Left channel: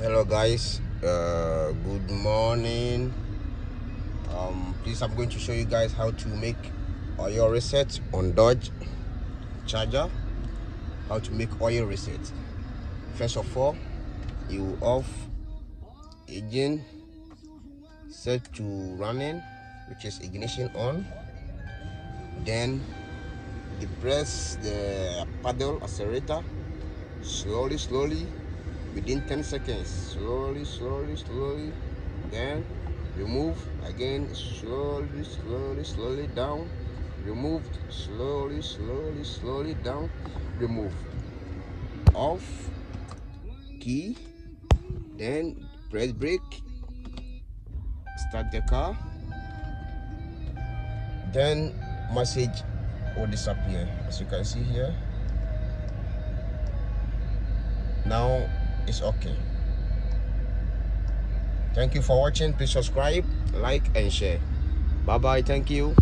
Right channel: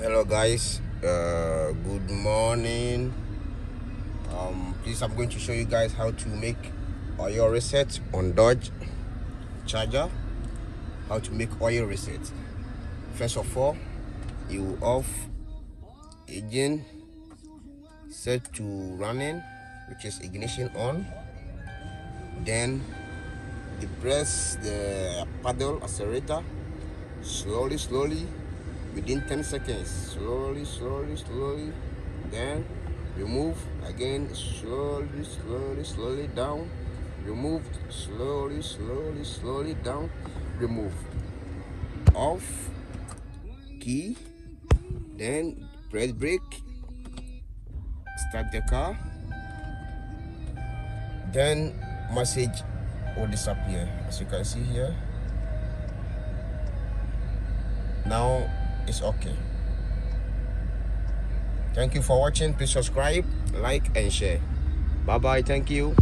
Hello guys, good morning. Please, I'm going to show you guys how to make oil reset on Dodge Charger. How to make oil reset. First of all, you off engine, set to running, which is ignition on. Then you press the pedal accelerator slowly within 10 seconds. Slowly. Then remove again, slowly down. Removed, slowly down. Remove. Off key. Then press brake. Start the car. Then message will disappear, as you can see here. Now it's okay. Thank you for watching. Please subscribe, like and share. Bye bye. Thank you.